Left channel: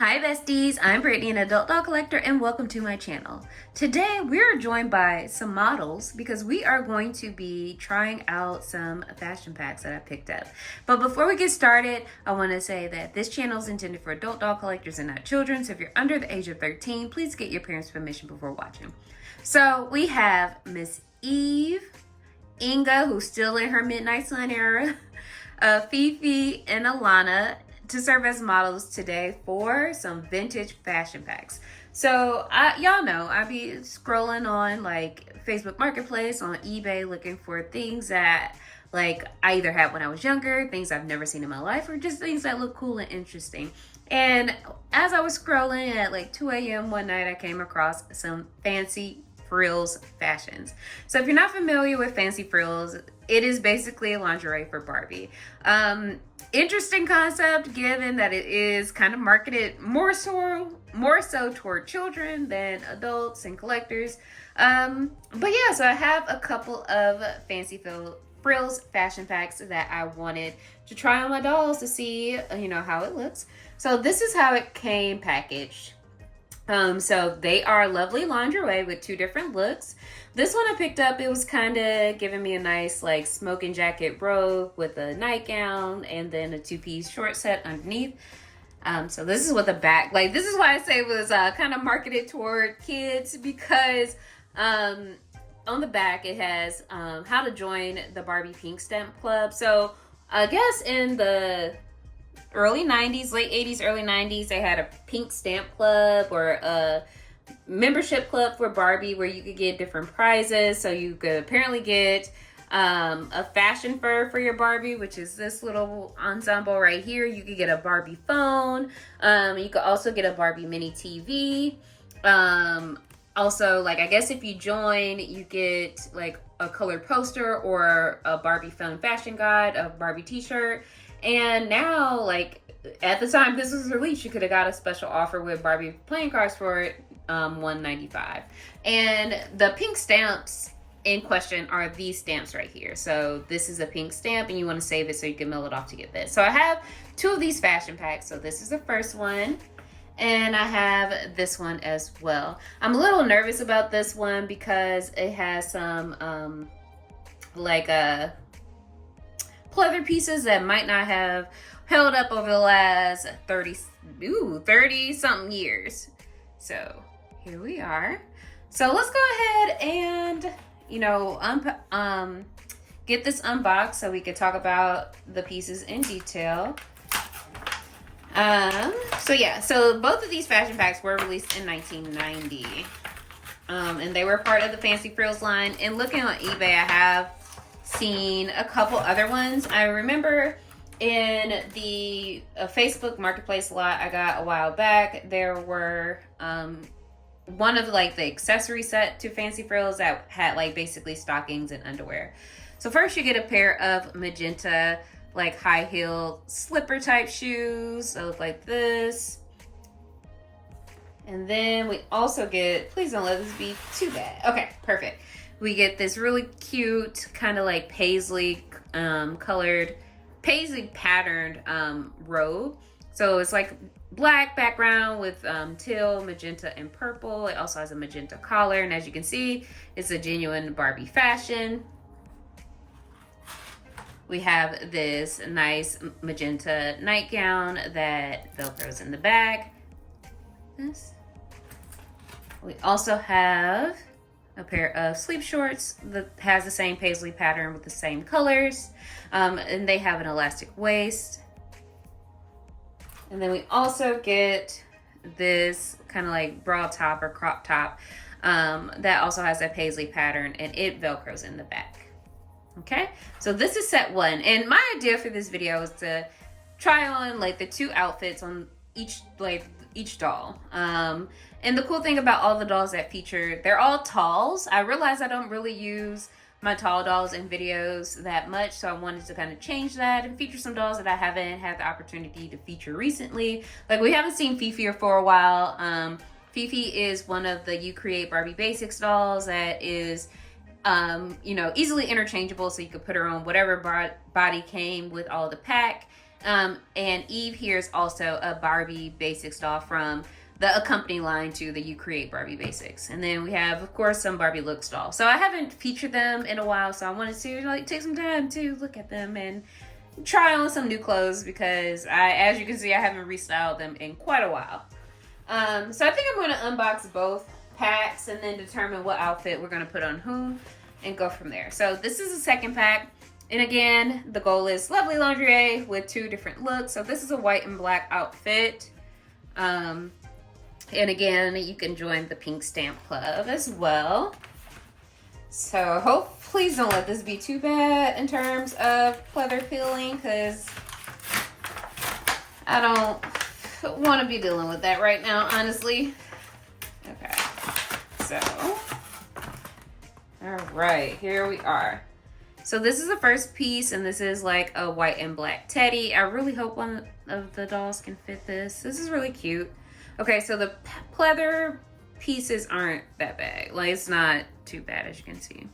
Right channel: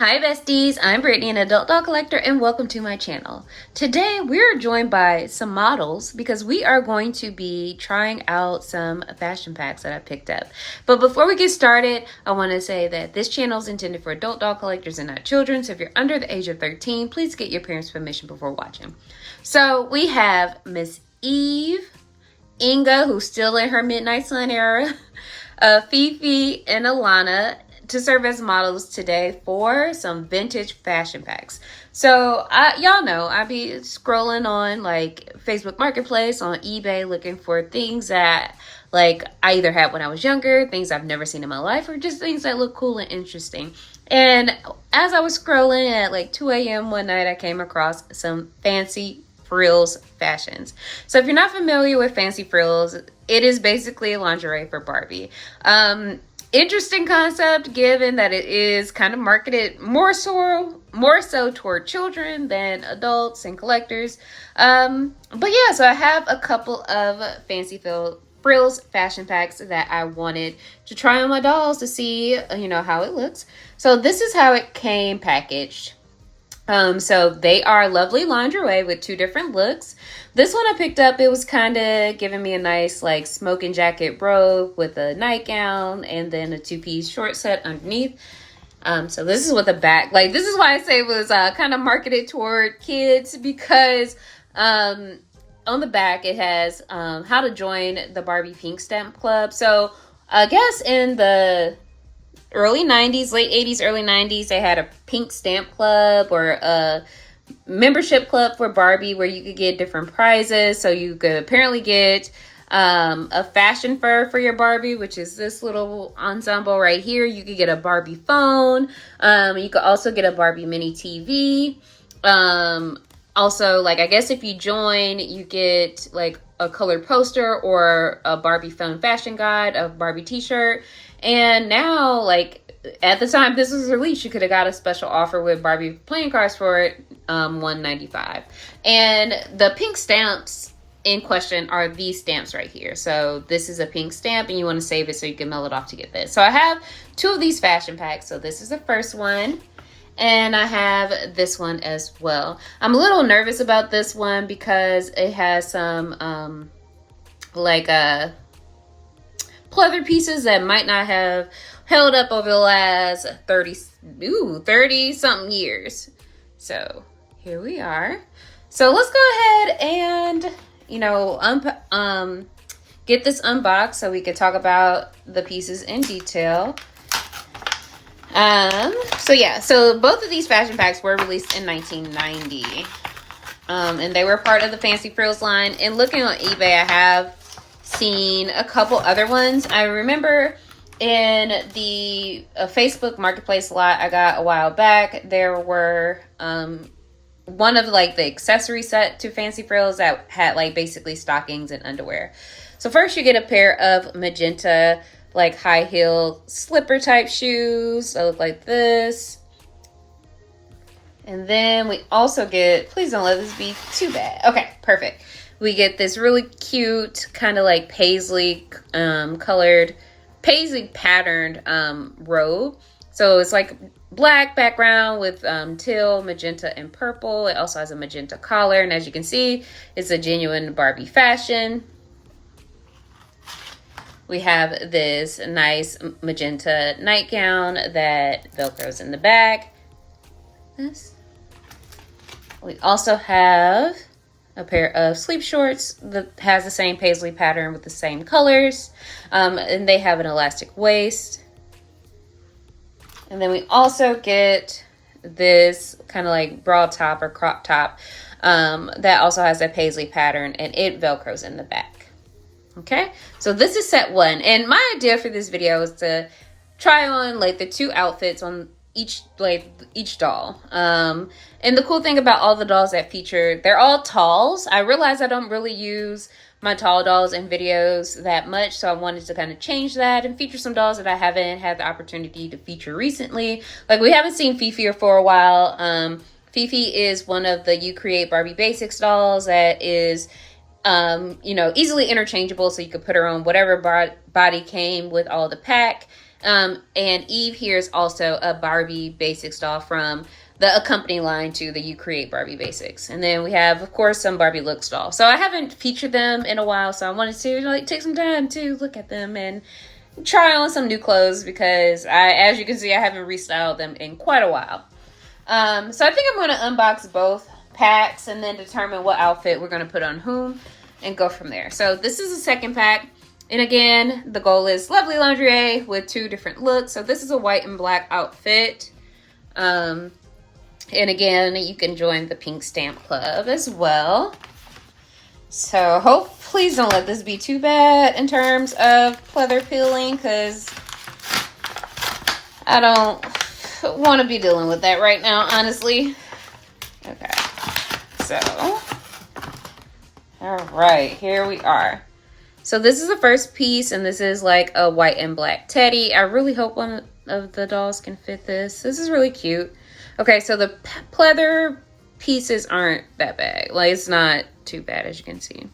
Hi besties, I'm Brittany, an adult doll collector, and welcome to my channel. Today we're joined by some models because we are going to be trying out some fashion packs that I picked up. But before we get started, I want to say that this channel is intended for adult doll collectors and not children. So if you're under the age of 13, please get your parents' permission before watching. So we have Miss Eve, Inga, who's still in her Midnight Sun era, Fifi, and Alana to serve as models today for some vintage fashion packs. So y'all know I be scrolling on like Facebook Marketplace, on eBay, looking for things that like I either had when I was younger, things I've never seen in my life, or just things that look cool and interesting. And as I was scrolling at like 2 a.m. one night, I came across some Fancy Frills fashions. So if you're not familiar with Fancy Frills, it is basically a lingerie for Barbie. Interesting concept given that it is kind of marketed more so toward children than adults and collectors. But yeah, so I have a couple of Fancy Frills fashion packs that I wanted to try on my dolls to see, how it looks. So this is how it came packaged. So they are lovely lingerie with two different looks. This one I picked up, it was kind of giving me a nice like smoking jacket robe with a nightgown and then a two-piece short set underneath. So this is what the back, like this is why I say it was kind of marketed toward kids because on the back it has how to join the Barbie Pink Stamp Club. So I guess in the early 90s, late 80s, early 90s, they had a pink stamp club or a membership club for Barbie where you could get different prizes. So you could apparently get a fashion fur for your Barbie, which is this little ensemble right here. You could get a Barbie phone. You could also get a Barbie mini TV. Also, like, I guess if you join, you get like a colored poster or a Barbie phone fashion guide, a Barbie t-shirt. And now, like, at the time this was released, you could have got a special offer with Barbie playing cards for it, $195. And the pink stamps in question are these stamps right here. So this is a pink stamp and you want to save it so you can mail it off to get this. So I have two of these fashion packs. So this is the first one. And I have this one as well. I'm a little nervous about this one because it has some pleather pieces that might not have held up over the last 30 something years. So here we are. So let's go ahead and get this unboxed so we can talk about the pieces in detail. So both of these fashion packs were released in 1990. And they were part of the Fancy Frills line. And looking on eBay, I have seen a couple other ones. I remember in the Facebook Marketplace lot I got a while back, there were one of like the accessory set to Fancy Frills that had like basically stockings and underwear. So first you get a pair of magenta like high heel slipper type shoes that look like this. And then we also get, please don't let this be too bad. Okay, perfect. We get this really cute kind of like paisley colored, paisley patterned robe. So it's like black background with teal, magenta, and purple. It also has a magenta collar. And as you can see, it's a genuine Barbie fashion. We have this nice magenta nightgown that Velcros in the back. We also have a pair of sleep shorts that has the same paisley pattern with the same colors. And they have an elastic waist. And then we also get this kind of like bra top or crop top that also has a paisley pattern and it Velcros in the back. Okay, so this is set one. And my idea for this video is to try on like the two outfits on each doll. And the cool thing about all the dolls that feature, they're all talls. I realize I don't really use my tall dolls in videos that much, so I wanted to kind of change that and feature some dolls that I haven't had the opportunity to feature recently. Like we haven't seen Fifi for a while. Fifi is one of the You Create Barbie Basics dolls that is easily interchangeable, so you could put her on whatever body came with all the pack. And Eve here is also a Barbie Basics doll from the accompanying line to the You Create Barbie Basics. And then we have, of course, some Barbie Looks dolls. So I haven't featured them in a while, so I wanted to like take some time to look at them and try on some new clothes because as you can see, I haven't restyled them in quite a while. So I think I'm going to unbox both packs and then determine what outfit we're going to put on whom and go from there. So this is the second pack. And again, the goal is lovely lingerie with 2 different looks. So this is a white and black outfit. And again, you can join the Pink Stamp Club as well. So please don't let this be too bad in terms of pleather peeling, because I don't want to be dealing with that right now, honestly. Okay, so, all right, here we are. So this is the first piece, and this is like a white and black teddy. I really hope one of the dolls can fit this. This is really cute. Okay, so the pleather pieces aren't that bad. Like, it's not too bad, as you can see.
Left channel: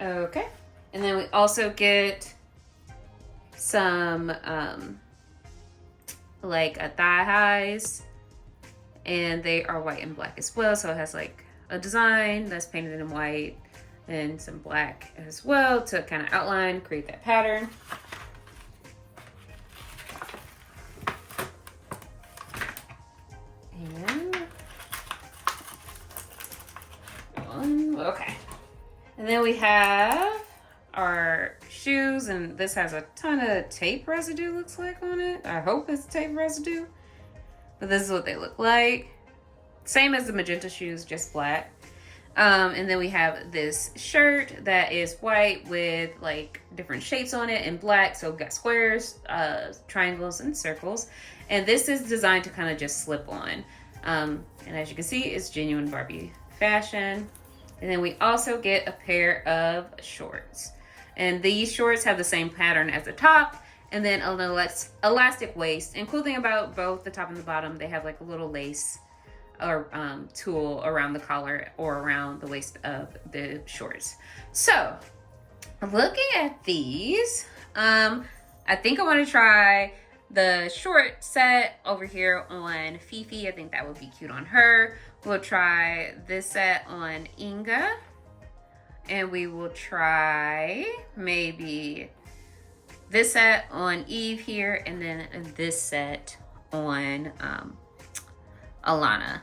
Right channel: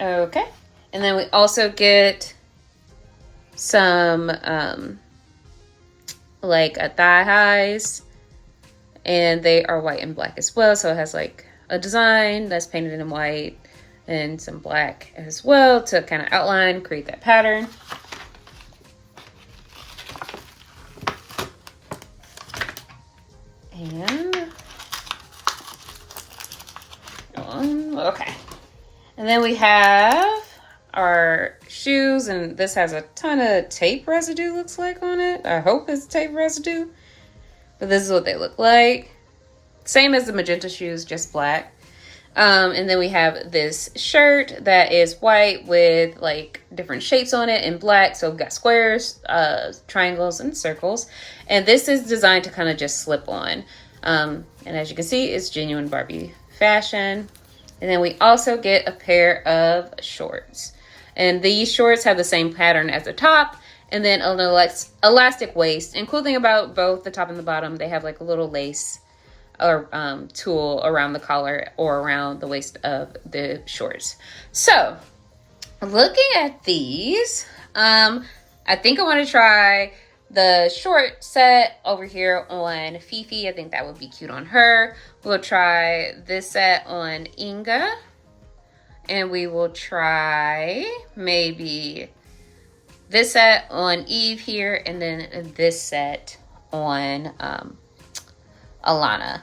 Okay, and then we also get some like a thigh highs, and they are white and black as well. So it has like a design that's painted in white and some black as well to kind of outline, create that pattern. And okay, and then we have our shoes, and this has a ton of tape residue, looks like, on it. I hope it's tape residue, but this is what they look like. Same as the magenta shoes, just black. And then we have this shirt that is white with like different shapes on it in black. So we've got squares, triangles, and circles. And this is designed to kind of just slip on. And as you can see, it's genuine Barbie fashion. And then we also get a pair of shorts. And these shorts have the same pattern as the top, and then an elastic waist. And cool thing about both the top and the bottom, they have like a little lace or tulle around the collar or around the waist of the shorts. So looking at these, I think I want to try the short set over here on Fifi. I think that would be cute on her. We'll try this set on Inga, and we will try maybe this set on Eve here, and then this set on Alana.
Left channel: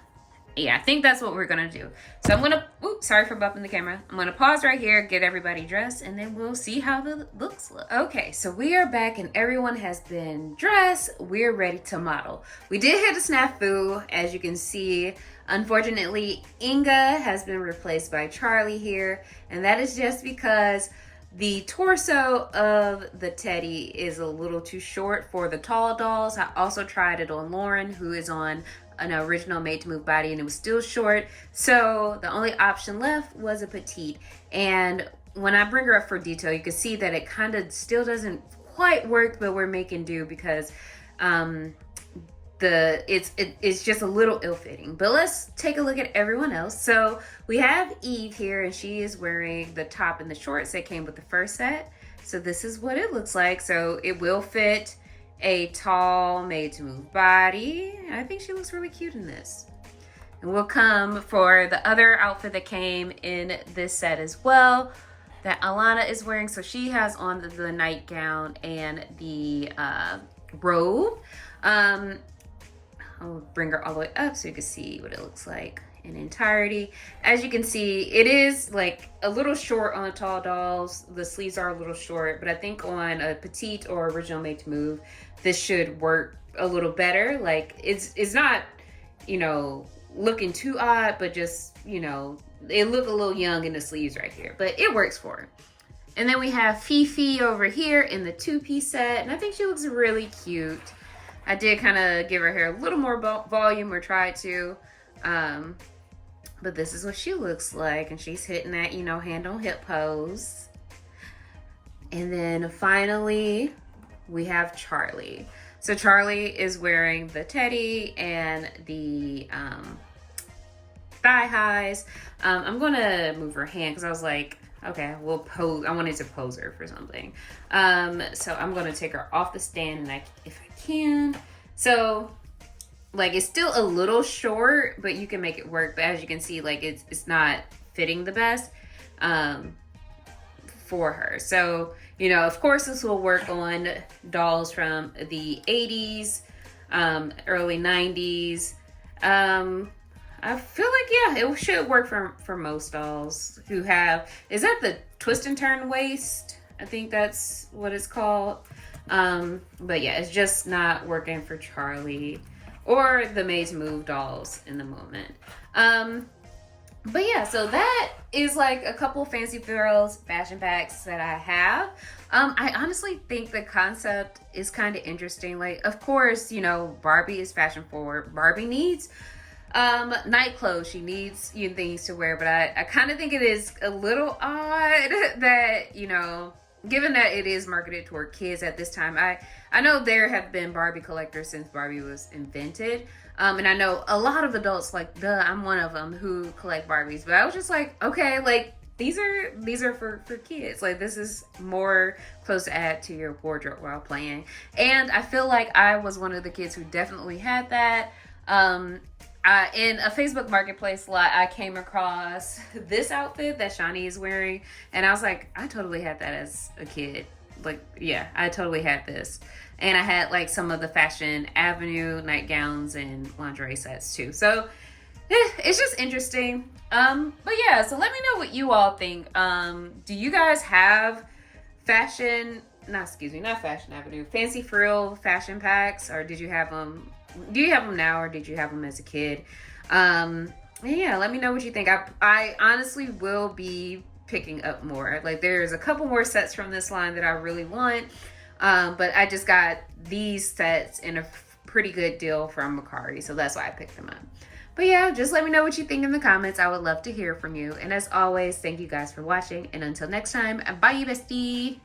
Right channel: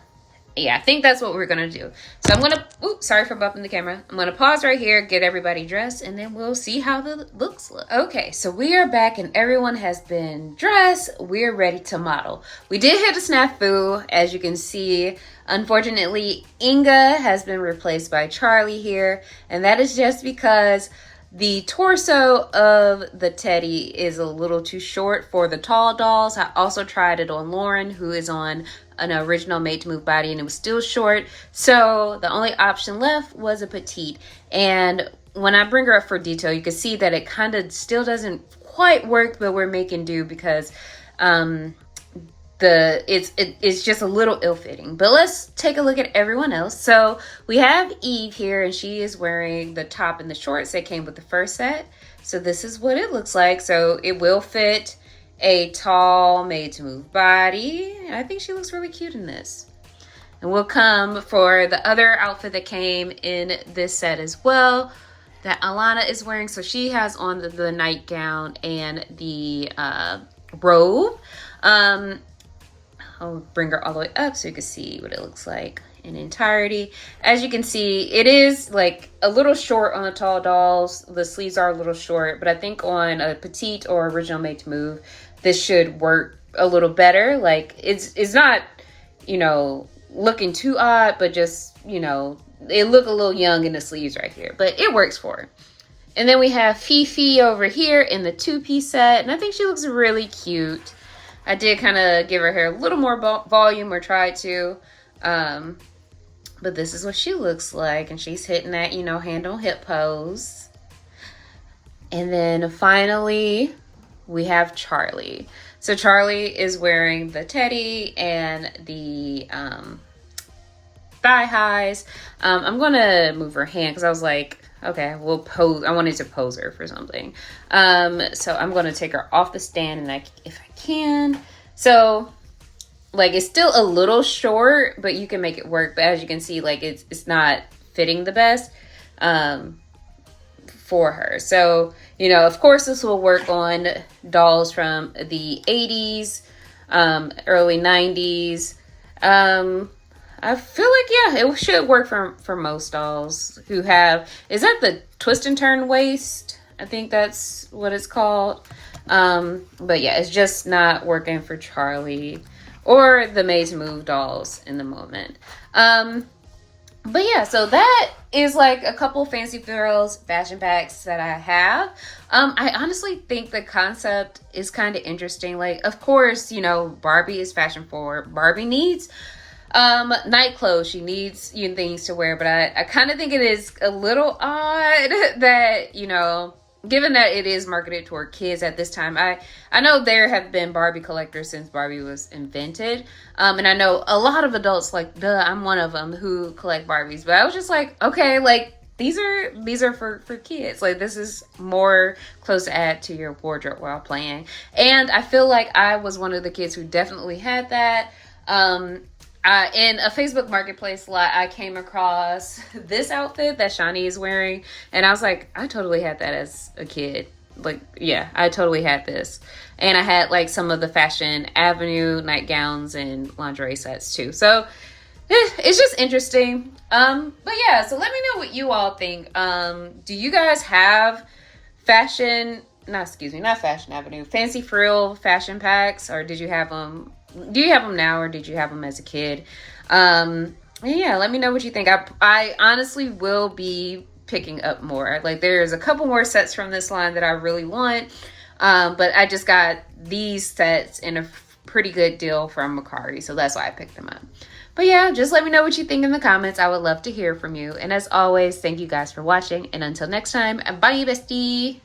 Yeah, I think that's what we're gonna do. So I'm gonna, oops, sorry for bumping the camera. I'm gonna pause right here, get everybody dressed, and then we'll see how the looks look. Okay, so we are back and everyone has been dressed. We're ready to model. We did hit a snafu, as you can see. Unfortunately, Inga has been replaced by Charlie here, and that is just because the torso of the teddy is a little too short for the tall dolls. I also tried it on Lauren, who is on an original made to move body, and it was still short. So the only option left was a petite. And when I bring her up for detail, you can see that it kind of still doesn't quite work, but we're making do because it's just a little ill-fitting. But let's take a look at everyone else. So we have Eve here, and she is wearing the top and the shorts that came with the first set. So this is what it looks like. So it will fit a tall made to move body. I think she looks really cute in this. And we'll come for the other outfit that came in this set as well that Alana is wearing. So she has on the nightgown and the robe. I'll bring her all the way up so you can see what it looks like in entirety. As you can see, it is like a little short on the tall dolls. The sleeves are a little short, but I think on a petite or original made to move, this should work a little better. Like it's not, you know, looking too odd, but just, you know, it look a little young in the sleeves right here, but it works for her. And then we have Fifi over here in the two-piece set, and I think she looks really cute. I did kind of give her hair a little more volume, or try to, but this is what she looks like, and she's hitting that, you know, hand on hip pose. And then finally, we have Charlie. So Charlie is wearing the teddy and the thigh highs. I'm gonna move her hand because I was like, Okay, we'll pose. I wanted to pose her for something. So I'm going to take her off the stand, and if I can. So, like, it's still a little short, but you can make it work. But as you can see, like, it's not fitting the best for her. So, you know, of course, this will work on dolls from the 80s, early 90s. I feel like, yeah, it should work for most dolls who have, is that the twist and turn waist? I think that's what it's called. But yeah, it's just not working for Charlie or the Maze Move dolls in the moment. But yeah, so that is like a couple Fancy Frills fashion packs that I have. I honestly think the concept is kind of interesting. Like, of course, you know, Barbie is fashion forward. Barbie needs night clothes. She needs things to wear, but I kind of think it is a little odd that, you know, given that it is marketed toward kids at this time. I know there have been Barbie collectors since Barbie was invented. And I know a lot of adults, like, I'm one of them, who collect Barbies. But I was just like, okay, like, these are for kids. Like, this is more clothes to add to your wardrobe while playing. And I feel like I was one of the kids who definitely had that. In a Facebook Marketplace lot, I came across this outfit that Shani is wearing, and I was like, I totally had that as a kid. Like, yeah, I totally had this. And I had, like, some of the Fashion Avenue nightgowns and lingerie sets, too. So, it's just interesting. But yeah, so let me know what you all think. Do you guys have not Fashion Avenue, Fancy Frill fashion packs, or did you have them? Do you have them now, or did you have them as a kid? Yeah, let me know what you think. I honestly will be picking up more. Like, there's a couple more sets from this line that I really want, but I just got these sets in a pretty good deal from Macari, so that's why I picked them up. But yeah, just let me know what you think in the comments. I would love to hear from you. And as always, thank you guys for watching, and until next time, bye, bestie.